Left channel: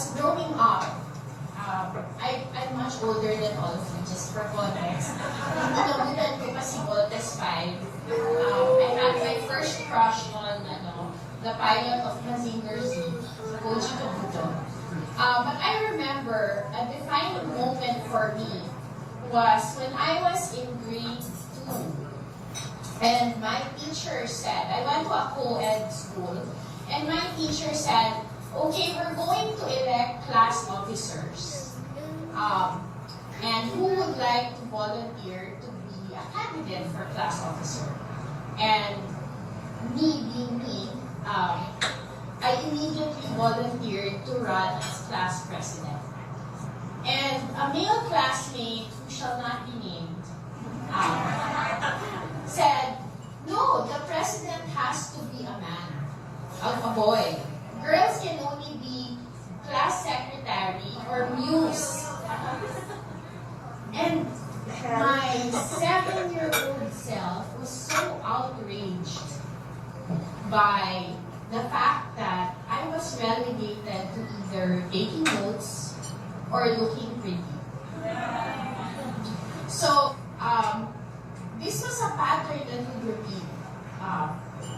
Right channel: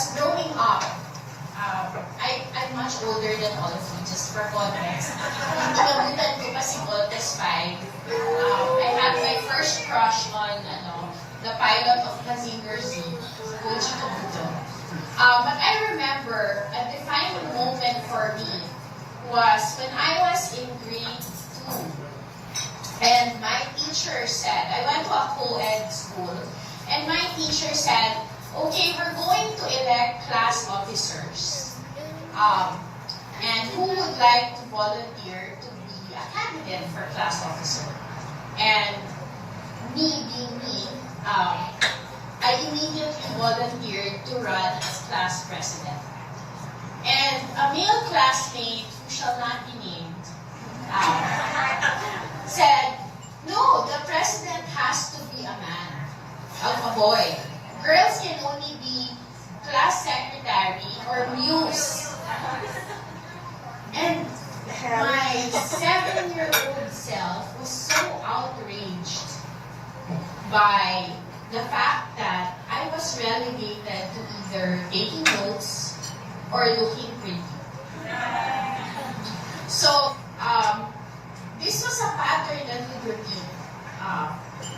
Because growing up, I'm much older than all of you, just for context. Hindi nabutan ko pa si Voltes 5. I had my first crush on the pilot of Mazinger Z, Koji Kabuto. But I remember a defining moment for me was when I was in grade 2. And my teacher said, I went to a co-ed school, and my teacher said, okay, we're going to elect class officers. And who would like to volunteer to be a candidate for class officer? And me being me, I immediately volunteered to run as class president. And a male classmate who shall not be named said, no, the president has to be a man, a boy. Girls can only be class secretary or muse. And my 7-year-old self was so outraged by the fact that I was relegated to either taking notes or looking pretty. So, this was a pattern that would repeat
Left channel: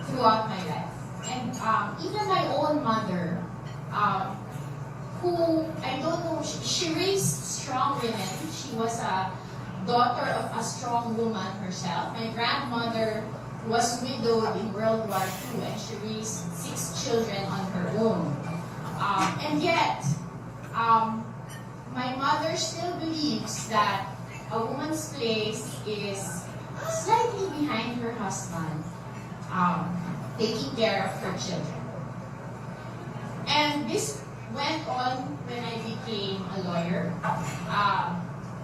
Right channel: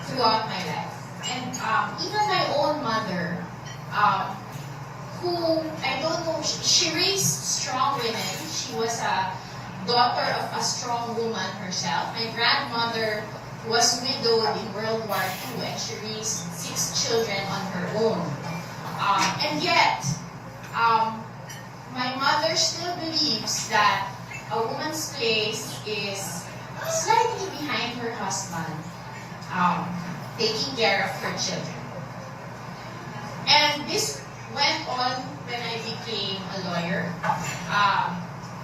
throughout my life. And even my own mother, who, I don't know, she raised strong women. She was a daughter of a strong woman herself. My grandmother was widowed in World War II, and she raised 6 children on her own. And yet, my mother still believes that a woman's place is slightly behind her husband, taking care of her children. And this went on when I became a lawyer.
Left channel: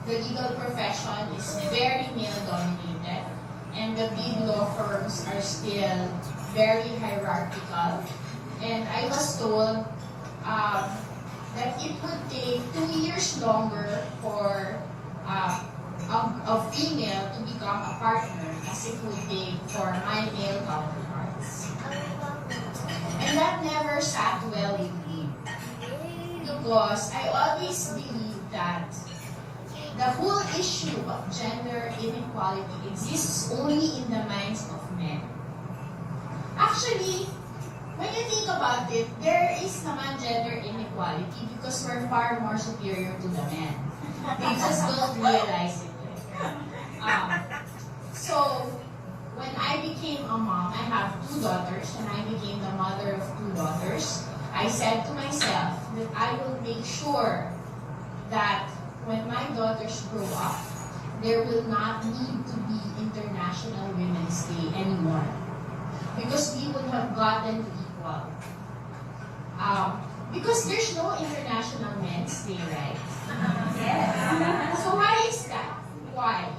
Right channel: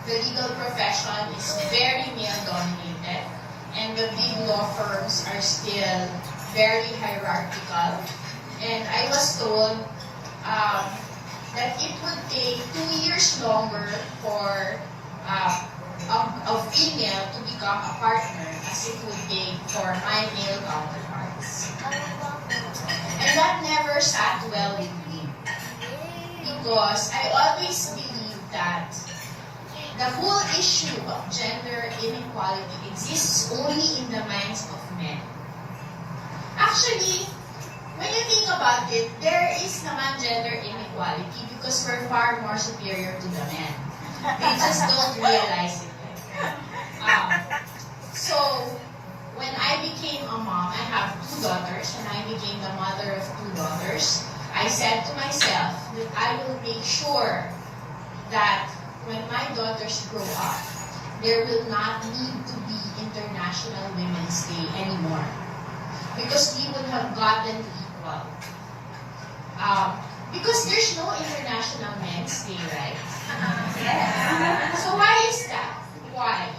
The legal profession is very male-dominated, and the big law firms are still very hierarchical. And I was told that it would take 2 years longer for a female to become a partner as it would take for my male counterparts. And that never sat well with me, because I always believed that the whole issue of gender inequality exists only in the minds of men. Actually, when you think about it, there is naman gender inequality because we're far more superior to the men. They just don't realize it. So, when I became a mom, I have 2 daughters, and I became the mother of 2 daughters, I said to myself that I will make sure that when my daughters grow up, there will not need to be International Women's Day anymore, because we would have gotten to equal. Because there's no International Men's Day, right? Yes. So why is that? Why?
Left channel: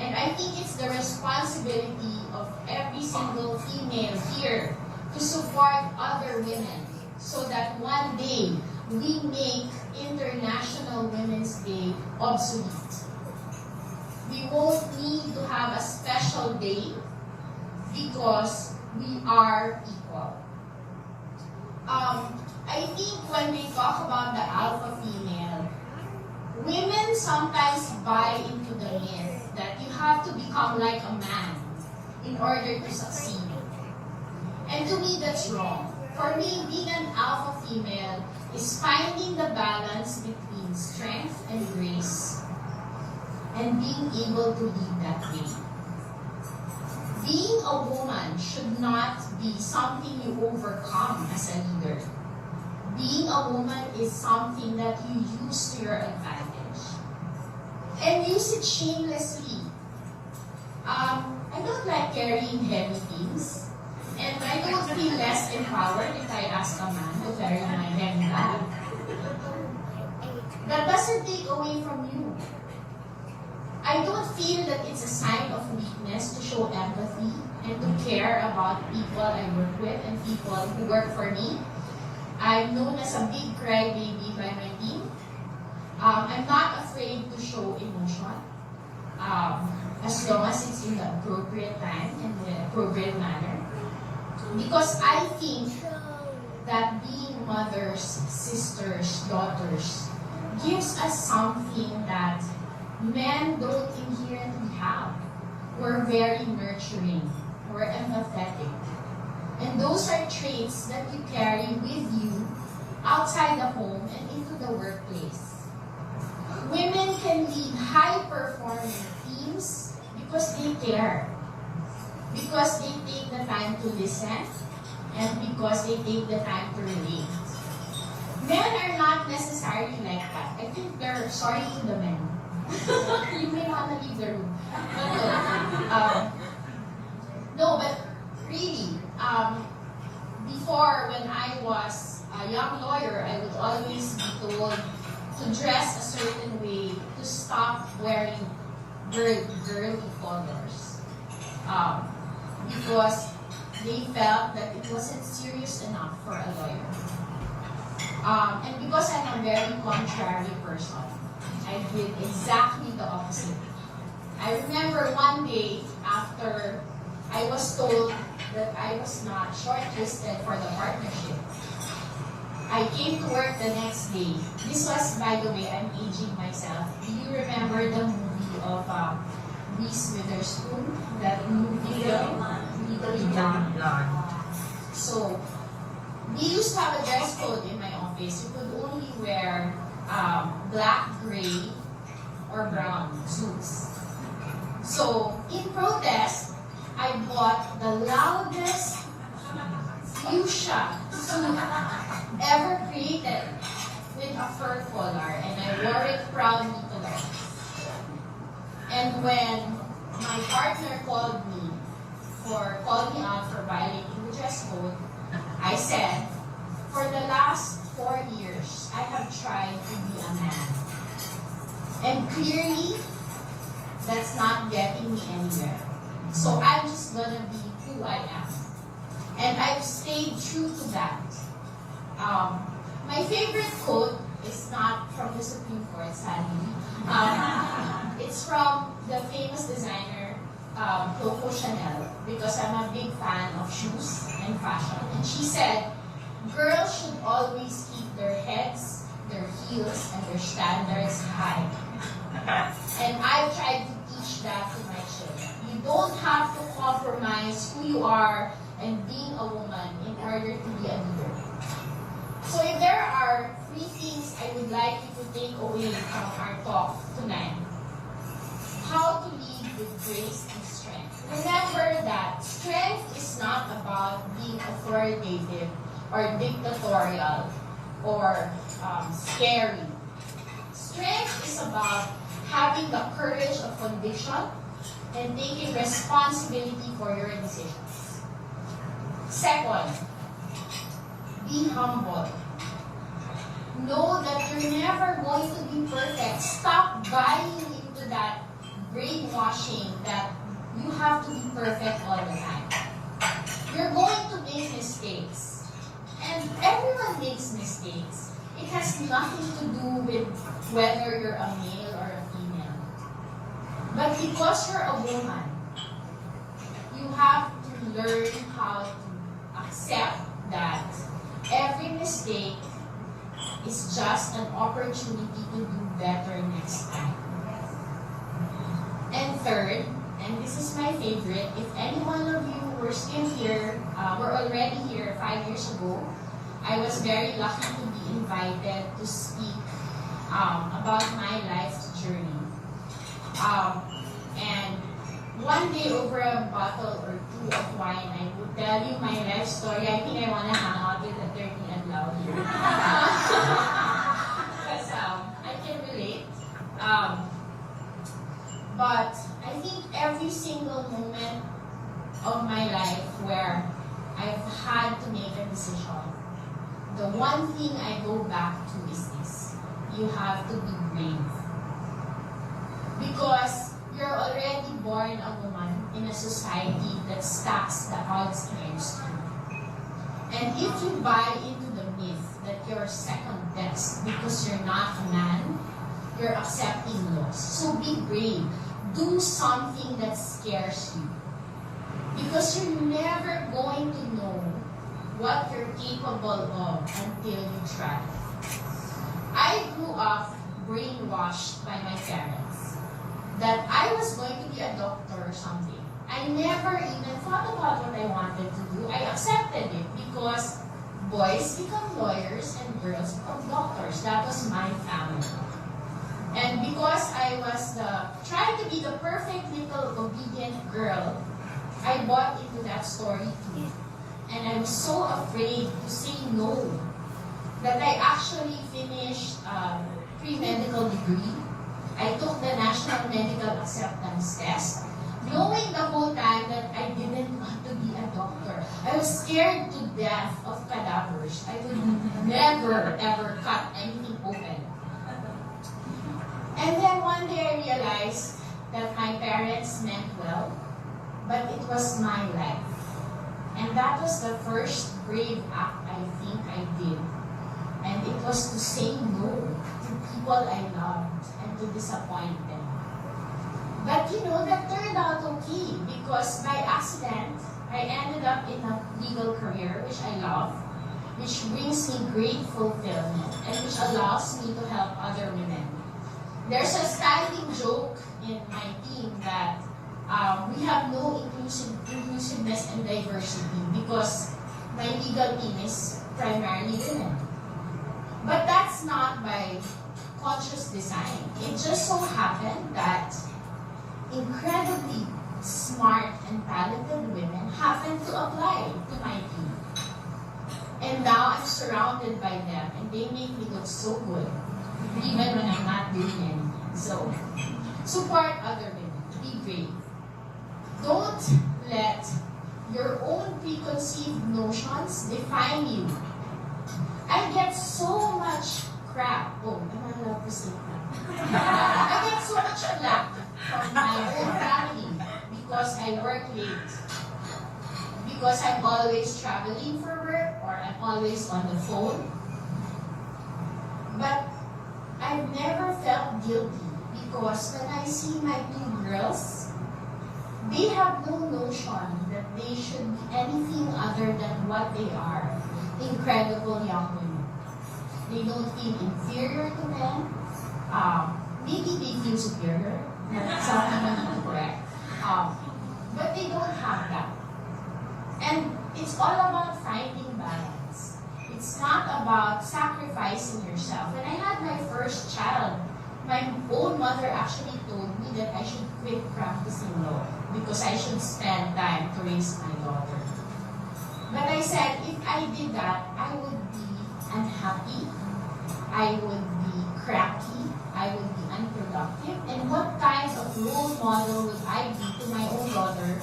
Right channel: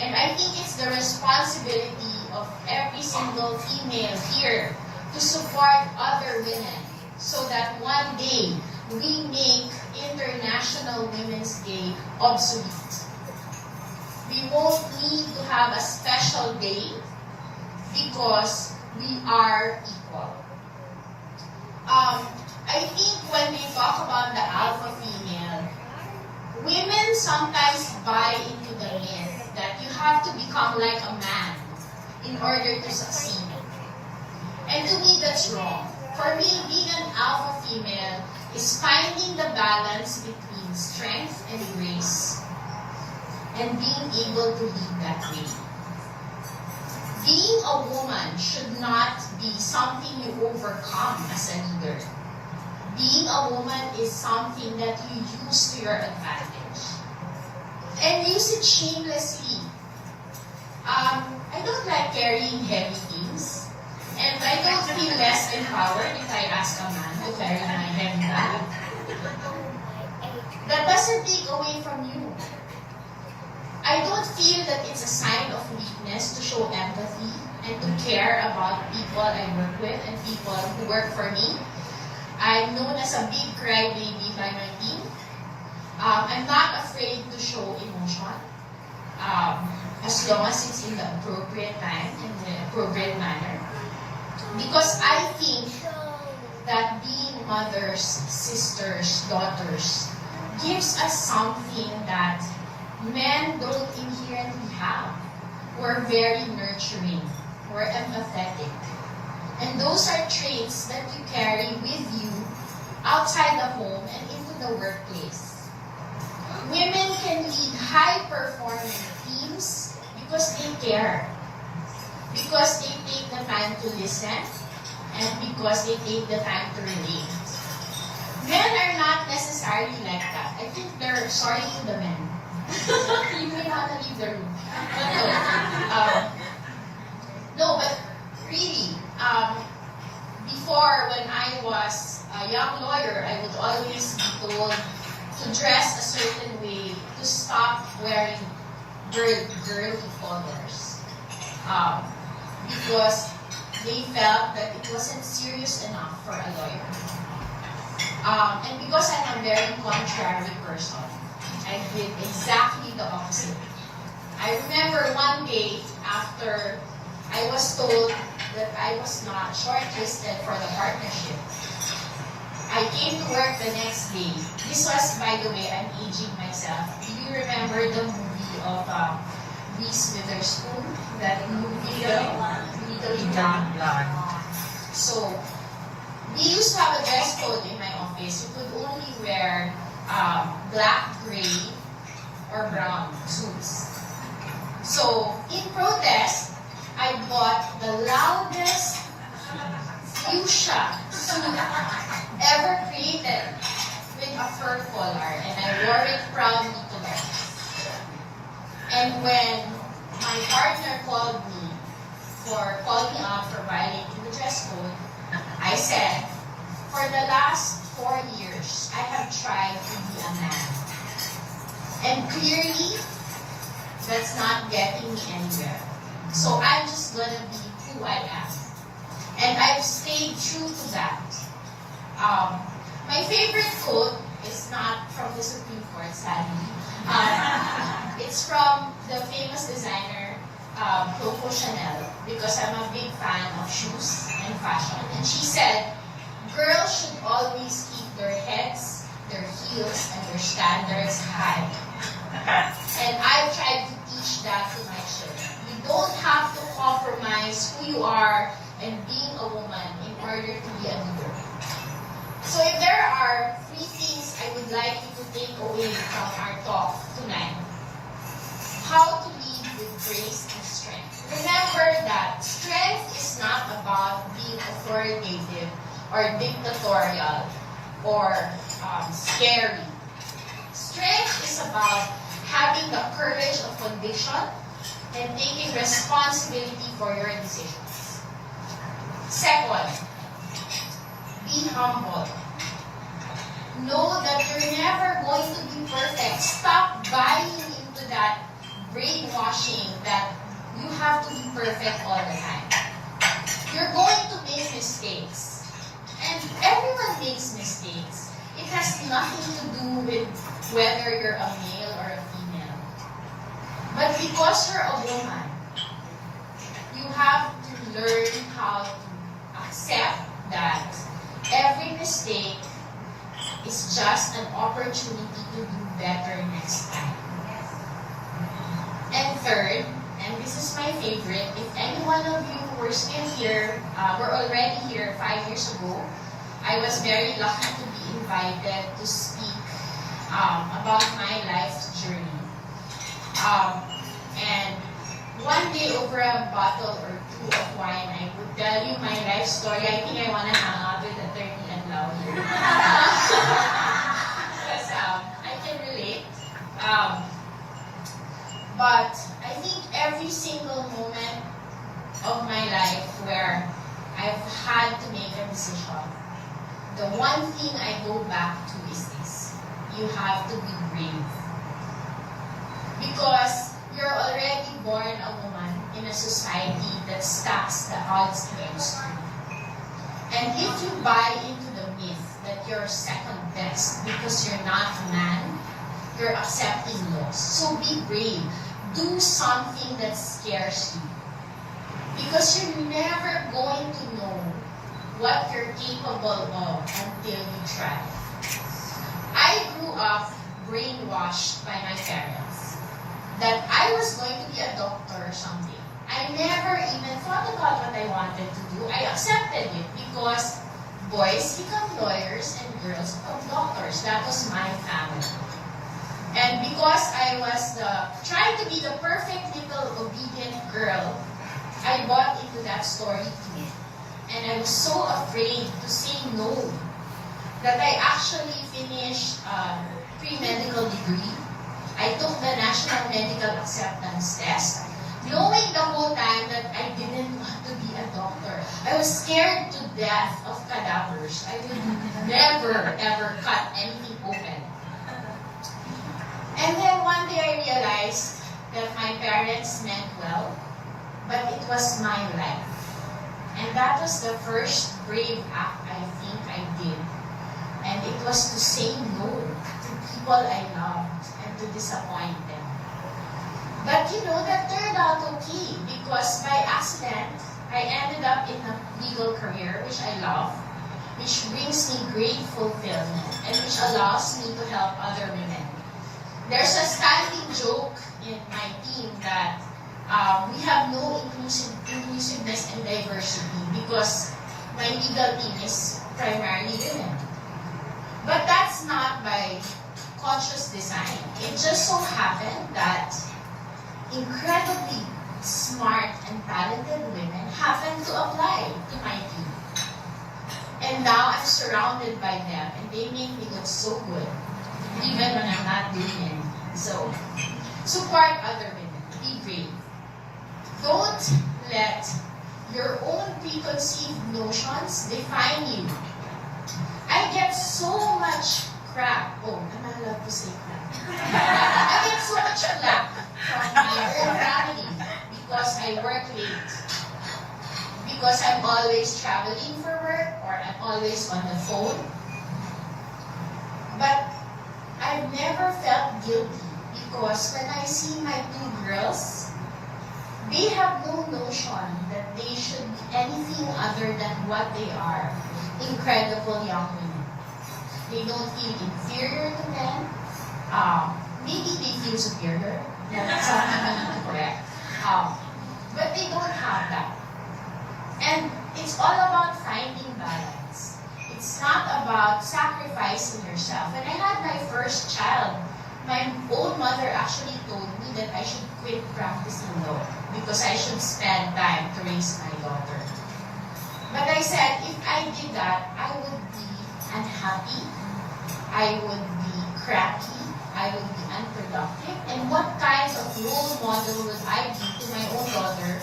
And I think it's the responsibility of every single female here to support other women so that one day we make International Women's Day obsolete. We won't need to have a special day because we are equal. I think when we talk about the alpha female, women sometimes buy into the myth that you have to become like a man in order to succeed. And to me, that's wrong. For me, being an alpha female is finding the balance between strength and grace and being able to lead that way. Being a woman should not be something you overcome as a leader. Being a woman is something that you use to your advantage. And use it shamelessly. I don't like carrying heavy things. And I don't feel less empowered if I ask a man to carry my heavy bag. That doesn't take away from you. I don't feel that it's a sign of weakness to show empathy and to care about people I work with and people who work for me. I'm known as a big crybaby by my team. I'm not afraid to show emotion as long as it's in the appropriate time and the appropriate manner. Because I think that being mothers, sisters, daughters gives us something that men don't inherently have. We're very nurturing. We're empathetic. And those are traits that you carry with you outside the home and into the workplace. Women can lead high-performing teams because they care, because they take the time to listen, and because they take the time to relate. Men are not necessarily like that. I think they're sorry to the men. You may want to leave the room. No, but really, before when I was a young lawyer, I would always be told to dress a certain way, to stop wearing girly colors, because they felt that it wasn't serious enough for a lawyer. And because I'm a very contrary person, I did exactly the opposite. I remember one day after I was told that I was not shortlisted for the partnership, I came to work the next day. This was, by the way, I'm aging myself. Do you remember the movie of Reese Witherspoon? That movie, Legally Blonde. So, we used to have a dress code in my office. You could only wear black, gray, or brown suits. So, in protest, I bought the loudest fuchsia suit ever created with a fur collar, and I wore it proudly to the office. And when my partner called me out for violating the dress code, I said, for the last 4 years, I have tried to be a man. And clearly, that's not getting me anywhere. So I'm just gonna be who I am. And I've stayed true to that. My favorite quote is not from the Supreme Court, sadly. It's from the famous designer, Coco Chanel, because I'm a big fan of shoes and fashion. And she said, girls should always keep their heads, their heels, and their standards high. And I've tried to teach that to my children. You don't have to compromise who you are and being a woman in order to be a leader. So if there are 3 things I would like you to take away from our talk tonight: how to lead with grace and strength. Remember that strength is not about being authoritative or dictatorial or scary. Strength is about having the courage of conviction and taking responsibility for your decisions. Second, be humble. Know that you're never going to be perfect. Stop buying into that brainwashing that you have to be perfect all the time. You're going to make mistakes. And everyone makes mistakes. It has nothing to do with whether you're a male or a female. But because you're a woman, you have to learn how to accept that every mistake is just an opportunity to do better next time. And third, and this is my favorite, if any one of you were still here, were already here 5 years ago, I was very lucky to be invited to speak about my life's journey. And one day over a bottle or 2 of wine, I would tell you my life story. I think I want to hang out with the 30 and loud here. Because I can relate. But I think every single moment of my life where I've had to make a decision, the one thing I go back to is this: you have to be brave. Because you're already born a woman in a society that stacks the odds against you. And if you buy into the myth that you're second best because you're not a man, you're accepting loss. So be brave. Do something that scares you. Because you're never going to know what you're capable of until you try. I grew up brainwashed by my parents that I was going to be a doctor someday. I never even thought about what I wanted to do. I accepted it because boys become lawyers and girls become doctors. That was my family. And because I was trying to be the perfect little obedient girl, I bought into that story too. And I was so afraid to say no that I actually finished a pre-medical degree. I took the National Medical Acceptance Test, knowing the whole time that I didn't want to be a doctor. I was scared to death of cadavers. I would never ever cut anything open. And then one day I realized that my parents meant well, but it was my life. And that was the first brave act I think I did. And it was to say no to people I loved and to disappoint them. But you know, that turned out okay because by accident, I ended up in a legal career, which I love, which brings me great fulfillment and which allows me to help other women. There's a standing joke in my team that we have no inclusiveness and diversity because my legal team is primarily women. But that's not by conscious design. It just so happened that incredibly smart and talented women happen to apply to my team. And now I'm surrounded by them and they make me look so good, even when I'm not doing anything. So, support other women. Be brave. Don't let your own preconceived notions define you. I get so much crap. Oh, am I allowed to say crap? I get so much crap from my own family because I work late. Because I'm always traveling for work or I'm always on the phone. But I've never felt guilty because when I see my two girls, they have no notion that they should be anything other than what they are. Incredible young women. They don't feel inferior to men. Maybe they feel superior. That's something I need to correct. But they don't have that. And it's all about finding balance. It's not about sacrificing yourself. When I had my first child, my own mother actually told me that I should quit practicing law because I should spend time to raise my daughter. But I said, if I did that, I would be unhappy, I would be cracky, I would be unproductive, and what kind of role model would I be to my own daughter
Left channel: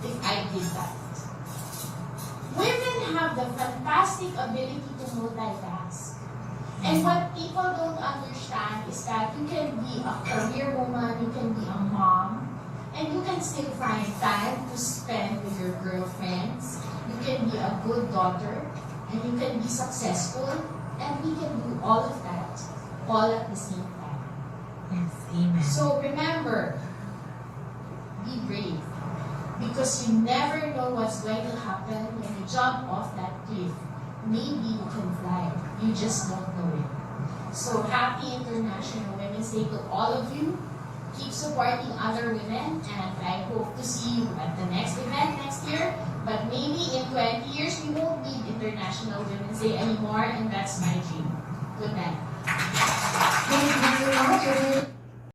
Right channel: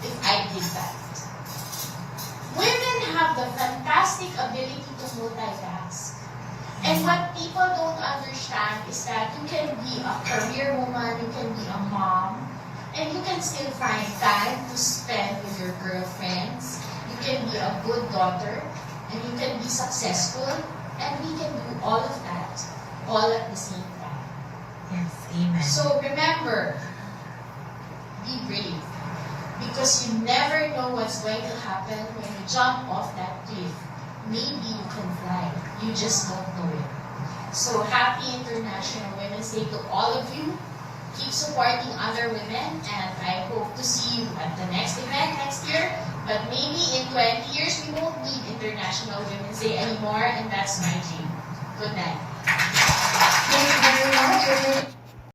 if I did that? Women have the fantastic ability to multitask. And what people don't understand is that you can be a career woman, you can be a mom, and you can still find time to spend with your girlfriends. You can be a good daughter, and you can be successful, and we can do all of that, all at the same time. Yes, amen. So remember, be brave, because you never know what's going to happen when you jump off that cliff. Maybe you can fly, you just don't know it. So happy International Women's Day to all of you. Keep supporting other women, and I hope to see you at the next event next year. But maybe in 20 years, we won't need International Women's Day anymore, and that's my dream. Good night.